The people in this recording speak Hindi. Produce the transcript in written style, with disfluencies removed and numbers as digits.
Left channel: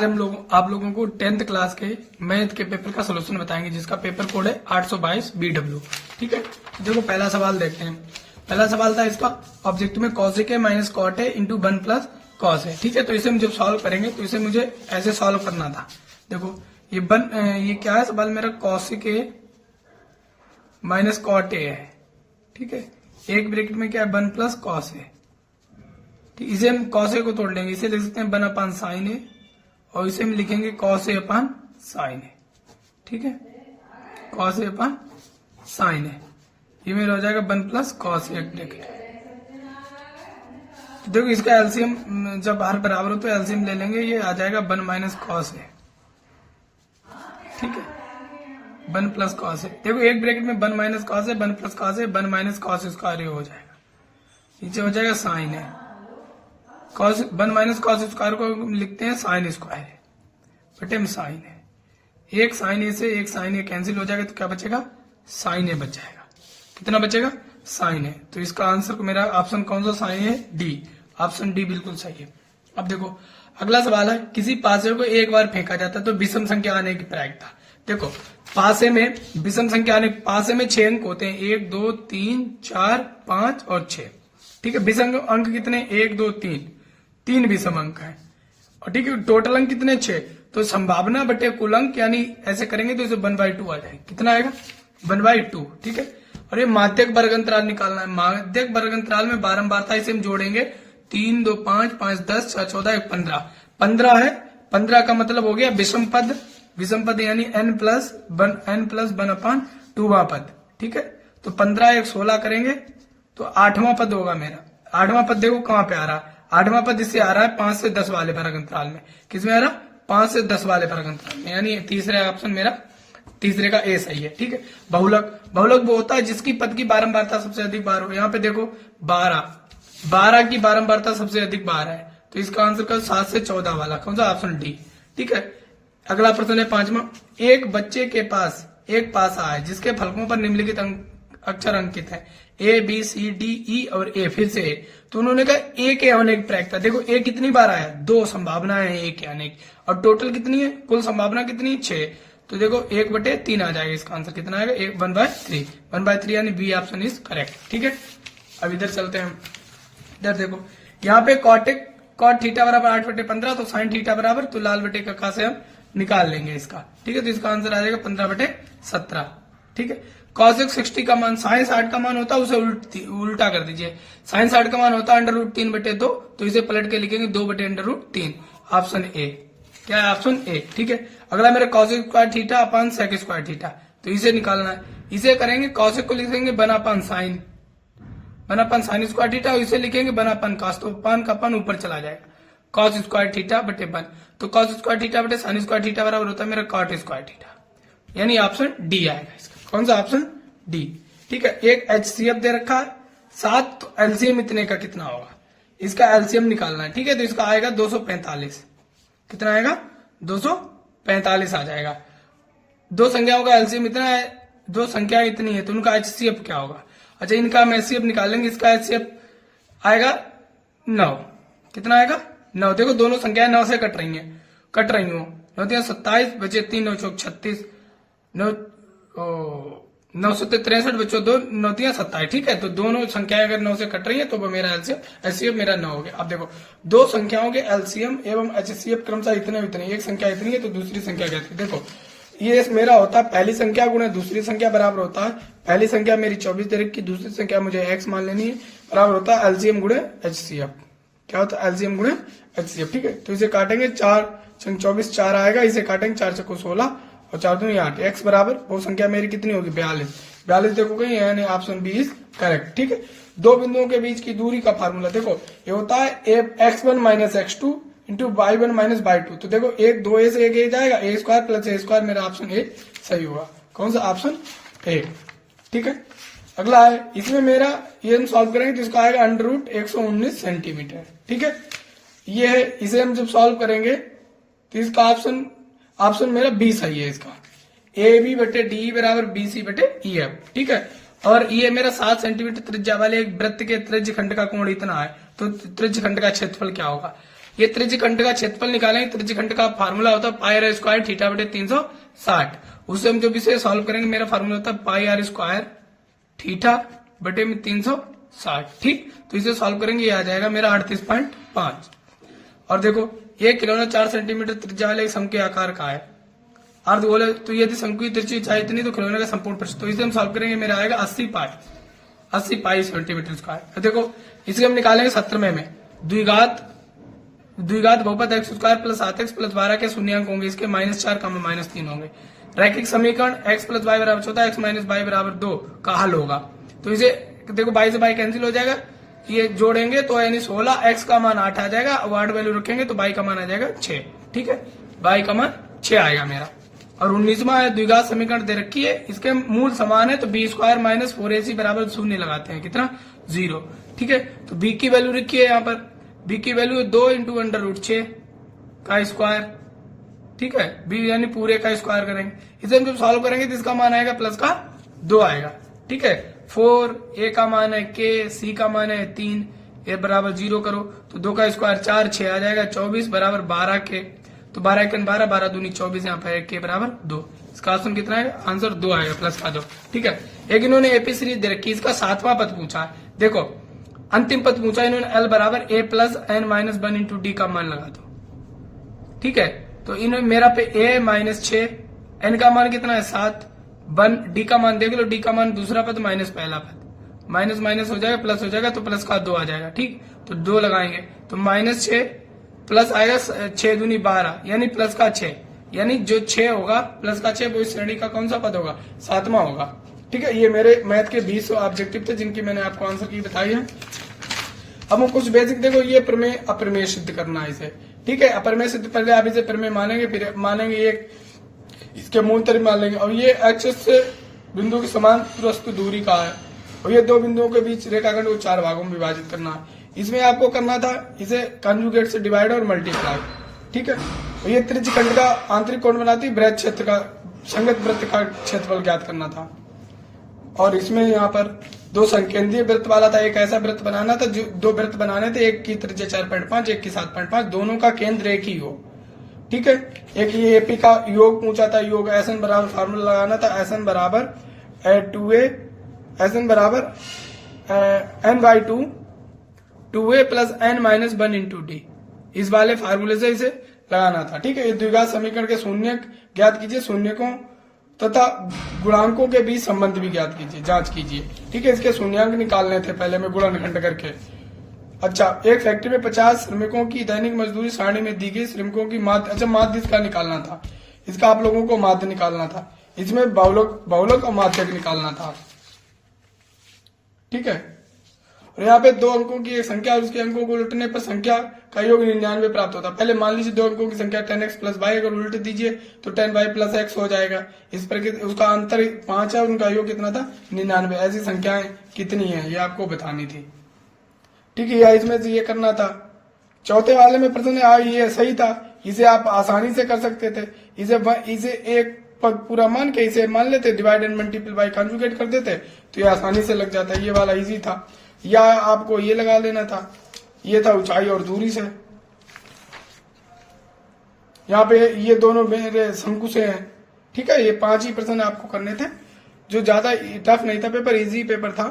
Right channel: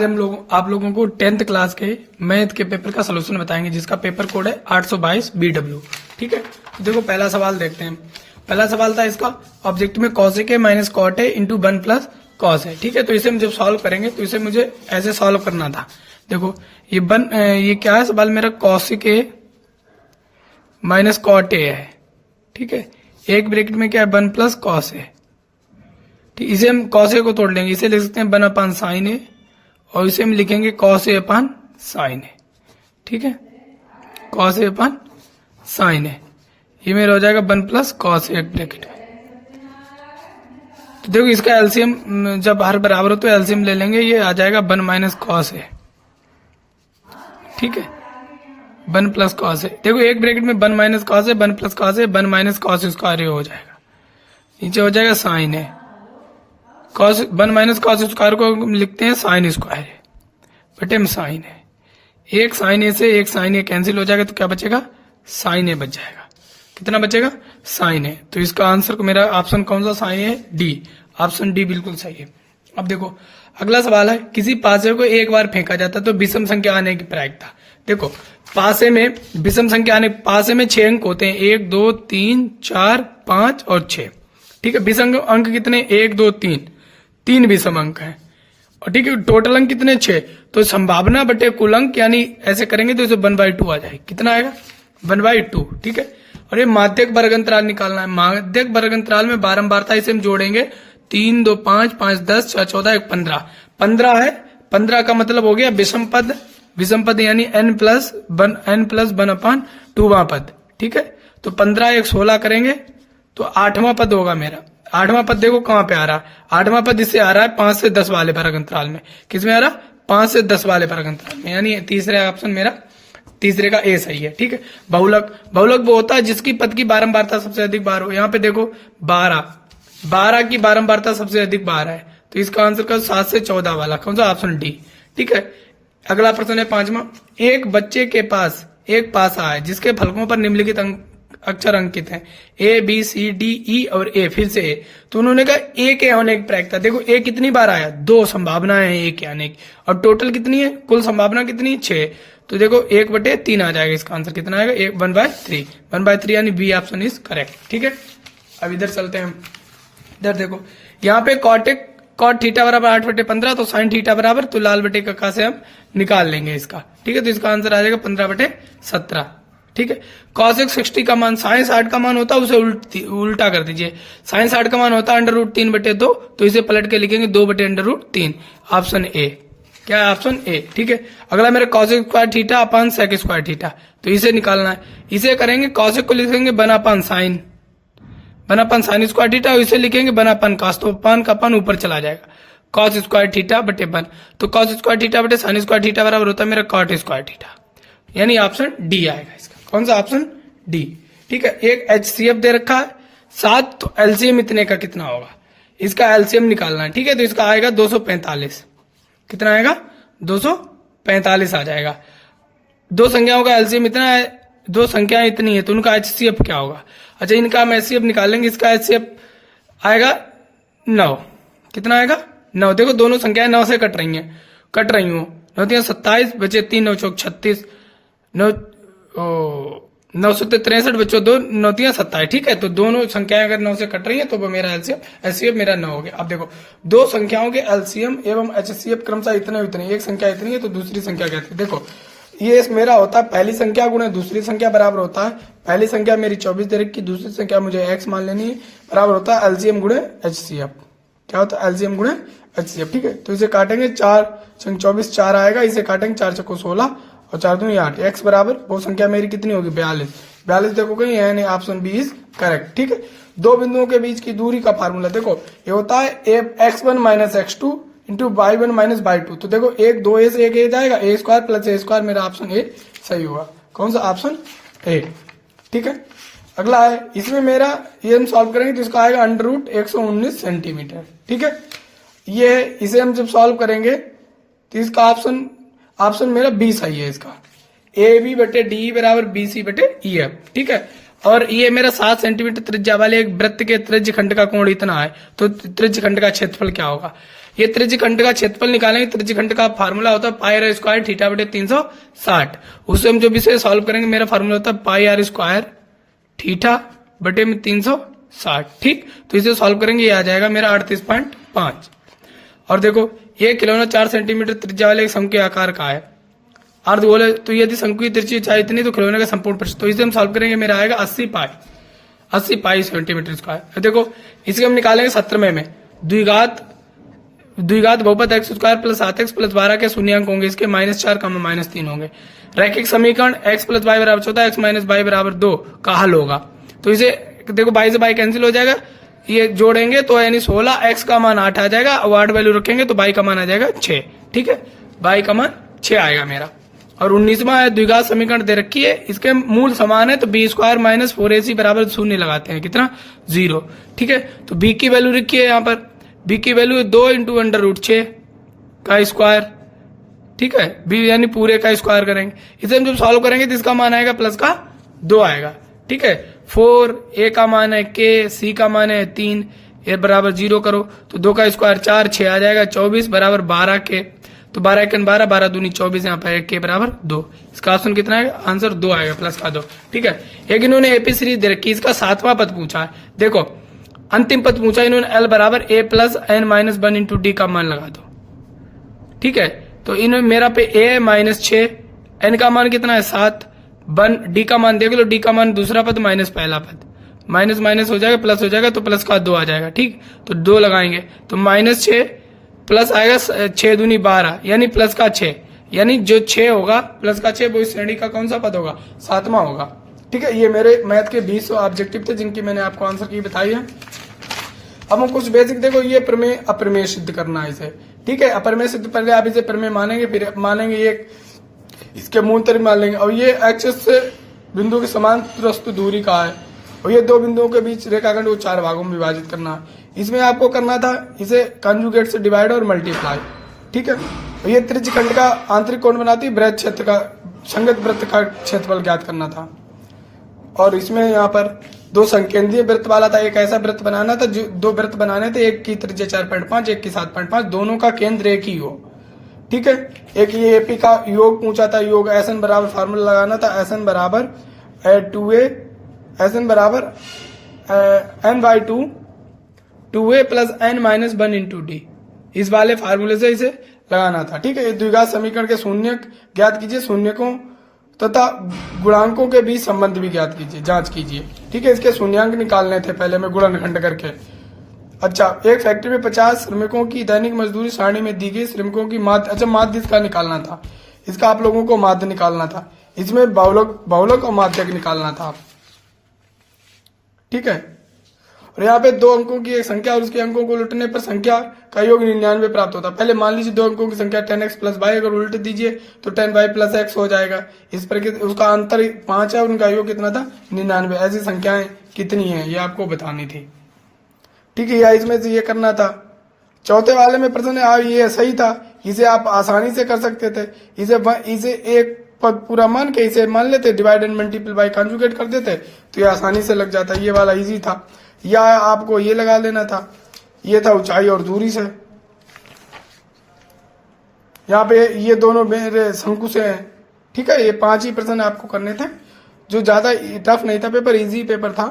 आज हम लोग आप लोगों को 10th क्लास के मैथ के पेपर का सलूशन बताएंगे, जिसका पेपर कोड है 822 BW। ठीक है, तो देखो पहला सवाल देखते हैं। पहला सवाल था इसका, ऑब्जेक्टिव में कॉसेक है माइनस कॉट है इंटू 1 प्लस कॉस है। ठीक है, तो इसे हम जब सॉल्व करेंगे तो इसे मुझे ऐसे सॉल्व करना था। देखो ये क्या है सवाल मेरा, cosec A minus cot A है। ठीक है, एक ब्रैकेट में क्या है 1 प्लस कॉस है। ठीक, इसे हम कॉस ए को तोड़ लेंगे, इसे लिख सकते हैं 1 अपान साइन ए, और इसे हम लिखेंगे कॉस ए अपान साइन ए। ठीक है, कॉस ए अपान साइन ए, ये मेरा हो जाएगा 1 प्लस कॉस ए ब्रैकेट। तो देखो इसका एलसीएम जब हर बराबर हो तो एलसीएम ले लेंगे, ये आ जाएगा 1 माइनस कॉस ए। ठीक है, 1 प्लस कॉस ए। देखो एक ब्रैकेट में 1 minus cos A, 1 plus cos A, 1 minus cos square हो जाएगा, नीचे हो जाएगा साइन ए। कॉस 1 माइनस कॉस स्क्वायर को हम लिखते हैं साइन स्क्वायर है बटे में साइन है। एक साइन ए से एक साइन ए कैंसिल हो जाएगा तो क्या बचेगा, साइन ए बच जाएगा। कितना बचेगा, साइन ए। तो इसका आंसर को मेरा ऑप्शन कौन सा, साइन है डी। ऑप्शन डी बिल्कुल सही है। अब देखो अगला सवाल है, किसी पासे को एक बार फेंका जाता तो विषम संख्या आने की प्रायिकता। देखो पासे में विषम संख्या आने, पासे में 6 अंक होते हैं, 1 2 3 4 5 और 6। ठीक है, विषम अंक कितने, 1 2 3 विषम अंक है। और ठीक है, टोटल अंक कितने, 6। तो संभावना बटे कुल अंक, यानी ऐसे करेंगे तो इसे 1/2 आ जाएगा। कितना आएगा, 1/2। ठीक है, और ये माध्यक वर्ग अंतराल निकालना है। माध्यक वर्ग अंतराल में बारंबारता इसे हम जोड़ेंगे, 3 2 5 5 10 6 14 1 15 15 है। 15 का मतलब हो गया विषम पद, विषम पद यानी n प्लस 1 अपान 2वां पद। ठीक है, तो 15 1 16 करेंगे तो 8वां पद होगा मेरा। 8वां पद देखो कहां पे आ रहा है, 8वां पद इससे आ रहा है 5 से 10 वाले वर्ग अंतराल में। किसमें आ रहा, 5 से 10 वाले वर्ग अंतराल में, यानी तीसरा ऑप्शन मेरा, तीसरे का ए सही है। ठीक है, बहुलक, बहुलक वो होता है जिसकी पद की बारंबारता सबसे अधिक बार हो। यहाँ पे देखो 12 की बारंबारता सबसे अधिक बार है, तो इसका आंसर का 7 से 14 वाला कौन सा, ऑप्शन डी। ठीक है, अगला प्रश्न है 5वां, एक बच्चे के पास एक पासा है जिसके फलकों पर निम्नलिखित अक्षर अंकित हैं, A B C D E और ए, फिर से ए। तो उन्होंने कहा ए के आने की प्रायिकता। देखो ए कितनी बार आया, 2 संभावनाएं हैं ए के आने की, और टोटल कितनी है, कुल संभावना कितनी, 6। तो देखो 1/3 आ जाएगा, इसका आंसर कितना आएगा, 1/3। 1/3 यानी बी ऑप्शन इज करेक्ट। ठीक है, अब इधर चलते हैं हम। इधर देखो यहाँ पे कॉट थीटा बराबर 8/15, तो साइन थीटा बराबर, तो लाल बटे का से हम निकाल लेंगे इसका। ठीक है, तो इसका आंसर आ जाएगा 15/17। ठीक है, कॉसेक 60 का मान साइन 60 का मान होता है, उसे उल्टा कर दीजिए। साइन 60 का मान होता है √3/2, तो इसे पलट के लिखेंगे 2/√3। ऑप्शन ए, क्या है, ऑप्शन ए। ठीक है, अगला मेरा cosec square theta upon sec square theta, तो इसे निकालना है। इसे करेंगे, कॉसेक को लिखेंगे 1 अपान साइन, 1 अपान साइन स्क्वायर थीटा, इसे लिखेंगे 1 अपान कॉस, तो पान का पान ऊपर चला जाएगा, कॉस स्क्वायर थीटा बटे 1। तो कॉस स्क्वायर थीटा बटे साइन स्क्वायर थीटा बराबर होता है मेरा कॉट स्क्वायर थीटा, यानी ऑप्शन डी आएगा इसका। कौन सा, ऑप्शन डी। ठीक है, एक HCF दे रखा है 7, तो एलसीएम इतने का कितना होगा, इसका एलसीएम निकालना है। ठीक है, तो इसका आएगा 245। कितना आएगा, 245 आ जाएगा। दो संख्याओं का एलसीएम इतना है, दो संख्याएं इतनी है, तो उनका HCF क्या होगा। अच्छा, इनका हम HCF निकाल लेंगे, इसका HCF आएगा 9। कितना आएगा, 9। देखो दोनों संख्याएं 9 से कट रही हो, 9 3 27 बचे 3 9 4 36, 9 से 63 बच्चों 2 9 3 27। ठीक है, तो दोनों संख्याएं अगर 9 से कट रही है तो वो मेरा एलसीएम मेरा 9 हो गया। अब देखो दो संख्याओं के एलसीएम एवं HCF क्रमशः इतने, एक संख्या इतनी है तो दूसरी संख्या कहती है। देखो ये मेरा होता है पहली संख्या गुणे दूसरी संख्या बराबर होता है, पहली संख्या मेरी 24 दे रखी, दूसरी संख्या मुझे x मान लेनी है, बराबर होता है एलसीएम गुणे HCF। क्या होता है, एलसीएम गुणे HCF। ठीक है, तो इसे काटेंगे, 4 24 4 आएगा, इसे काटेंगे 4 चौको 16 और 4 दूनी 8। x बराबर वो संख्या मेरी कितनी होगी, 42 देखोगे, यानी ऑप्शन बी इज करेक्ट। ठीक है, दो बिंदुओं के बीच की दूरी का फार्मूला देखो, ये होता है x1 minus x2 into y1 minus y2। तो देखो 1 2 a से 1 a जाएगा, a square plus a square, मेरा ऑप्शन ए सही होगा। कौन सा, ऑप्शन ए। ठीक है, अगला है, इसमें मेरा ये हम सॉल्व करेंगे तो इसका आएगा √119 सेंटीमीटर। ठीक है, ये इसे हम जब सॉल्व करेंगे तो इसका ऑप्शन मेरा बी सही है। इसका AB बटे डी बराबर BC बटे EF। ठीक है, और ये मेरा 7 सेंटीमीटर त्रिज्या वाले एक वृत्त के त्रिज्य खंड का कोण इतना है, तो त्रिज्य खंड का क्षेत्रफल क्या होगा। ये त्रिज्यखंड का क्षेत्रफल निकालेंगे। त्रिज्यखंड का फार्मूला होता है पाई आर स्क्वायर थीटा बटे 360। उससे हम जो विषय सॉल्व करेंगे, मेरा फार्मूला होता है पाई आर स्क्वायर थीटा बटे में 360। ठीक, तो इसे सॉल्व करेंगे, ये आ जाएगा मेरा 38.5। और देखो ये खिलौना 4 सेंटीमीटर त्रिज्या वाले एक शंकु के आकार का है। अर्धगोल है, तो यदि शंकु की त्रिज्या चाहे इतनी तो खिलौने का संपूर्ण पृष्ठ, तो इसे हम सॉल्व करेंगे, मेरा आएगा 80 पाई सेंटीमीटर स्क्वायर। देखो इसे हम निकालेंगे 17वें में। द्विघात बहुपद x square plus 7x plus 12 के शून्यांक होंगे, इसके -4 -3 होंगे। रैखिक समीकरण x प्लस वाई बराबर 14 x माइनस वाई बराबर 2 का हल होगा। तो इसे देखो बाई से बाई कैंसिल हो जाएगा, ये जोड़ेंगे तो यानी 16, x का मान 8 आ जाएगा, और 8 वैल्यू रखेंगे तो बाई का मान आ जाएगा 6। ठीक है, बाई का मान 6 आएगा मेरा। और 19वां है द्विघात समीकरण दे रखी है, इसके मूल समान है, तो बी स्क्वायर माइनस 4ac बराबर 0 लगाते हैं, कितना 0। ठीक है, तो b की वैल्यू रखी है यहाँ पर, b की वैल्यू है 2 × √6 का स्क्वायर। ठीक है, b यानी पूरे का स्क्वायर करेंगे। इसे हम जब सॉल्व करेंगे तो इसका मान आएगा प्लस का 2 आएगा। ठीक है, 4, a का मान है k, c का मान है 3, a बराबर 0 करो तो 2 का स्क्वायर 4, 6 आ जाएगा, 24 बराबर 12 k, तो 12 × 12 12 दूनी 24, यहाँ पर k बराबर 2। इसका ऑप्शन कितना है, आंसर 2 आएगा, प्लस का 2। ठीक है, एक इन्होंने एपी सीरीज दे रखी, इसका 7वां पद पूछा है। देखो अंतिम पद पूछा इन्होंने, l बराबर a plus n minus 1 × d का मान लगा दो। ठीक है, तो इन्होंने मेरा पे a -6, n का मान कितना है 7, 1 d का मान देख लो, d का मान दूसरा पद माइनस पहला पद, माइनस माइनस हो जाएगा प्लस हो जाएगा, तो प्लस का 2 आ जाएगा। ठीक, तो 2 लगाएंगे तो -6 प्लस आएगा 6 दूनी 12, यानी प्लस का 6, यानी जो 6 होगा प्लस का 6 वो इस श्रेणी का कौन सा पद होगा, 7वां होगा। ठीक है, ये मेरे मैथ के 20 ऑब्जेक्टिव थे जिनकी मैंने आपको आंसर की बताई है। अब हम कुछ बेसिक देखो, ये प्रमेय अप्रमेय सिद्ध करना है इसे। ठीक है, अप्रमेय सिद्ध पहले आप इसे प्रमेय मानेंगे, फिर मानेंगे ये इसके मूल तरीके मान लेंगे। और ये एक्सिस से बिंदु के समान प्रस्तुत दूरी का है, और ये 2 बिंदुओं के बीच रेखाखंड को 4 भागों में विभाजित करना है। इसमें आपको करना था इसे कंजुगेट से डिवाइड और मल्टीप्लाई। ठीक है, और ये त्रिज्यखंड का आंतरिक कोण बनाती वृत्त क्षेत्र का संगत वृत्त का क्षेत्रफल ज्ञात करना था। और इसमें यहाँ पर 2 संकेंद्रीय वृत्त वाला था, एक ऐसा वृत्त बनाना था, जो 2 वृत्त बनाने थे, एक की त्रिज्या 4.5 एक की 7.5, दोनों का केंद्र एक ही हो। ठीक है, एक ये एपी का योग पूछा था, योग SN बराबर फार्मूला लगाना था, SN बराबर 2a SN बराबर n/2 2a plus n minus 1 × d, इस वाले फार्मूले से इसे लगाना था। ठीक है, ये द्विघात समीकरण के शून्यक ज्ञात कीजिए, शून्यकों तथा गुणांकों के बीच संबंध भी ज्ञात कीजिए, जांच कीजिए। ठीक है, इसके शून्यांक निकालने थे पहले में गुणनखंड करके। अच्छा, एक फैक्ट्री में 50 श्रमिकों की दैनिक मजदूरी सारणी में दी गई, श्रमिकों की माध्य, अच्छा माध्य इसका निकालना था, इसका आप लोगों को माध्य निकालना था, इसमें बहुलक और माध्यक निकालना था। ठीक है, और यहाँ पे 2 अंकों की एक संख्या और उसके अंकों को उलटने पर संख्या का योग 99 प्राप्त होता है। पहले मान लीजिए 2 अंकों की संख्या 10x प्लस y, अगर उल्ट दीजिए तो 10y प्लस x हो जाएगा। इस पर उसका अंतर 5 है, उनका योग कितना था 99। ऐसी संख्याएं कितनी है ये आपको बतानी थी। ठीक है, या इसमें से ये करना था। चौथे वाले में प्रश्न ये सही था, इसे आप आसानी से कर सकते थे। इसे एक पद पूरा मान के इसे मान लेते, divide and multiple bye conjugate कर देते, तो ये आसानी से लग जाता। ये वाला इजी था। या आपको ये लगा लेना था, ये था ऊंचाई और दूरी से। यहाँ पे ये दोनों मेरे शंकु से हैं। ठीक है, ये 5 ही प्रश्न आपको करने थे, जो ज्यादा टफ नहीं था, पेपर इजी पेपर था।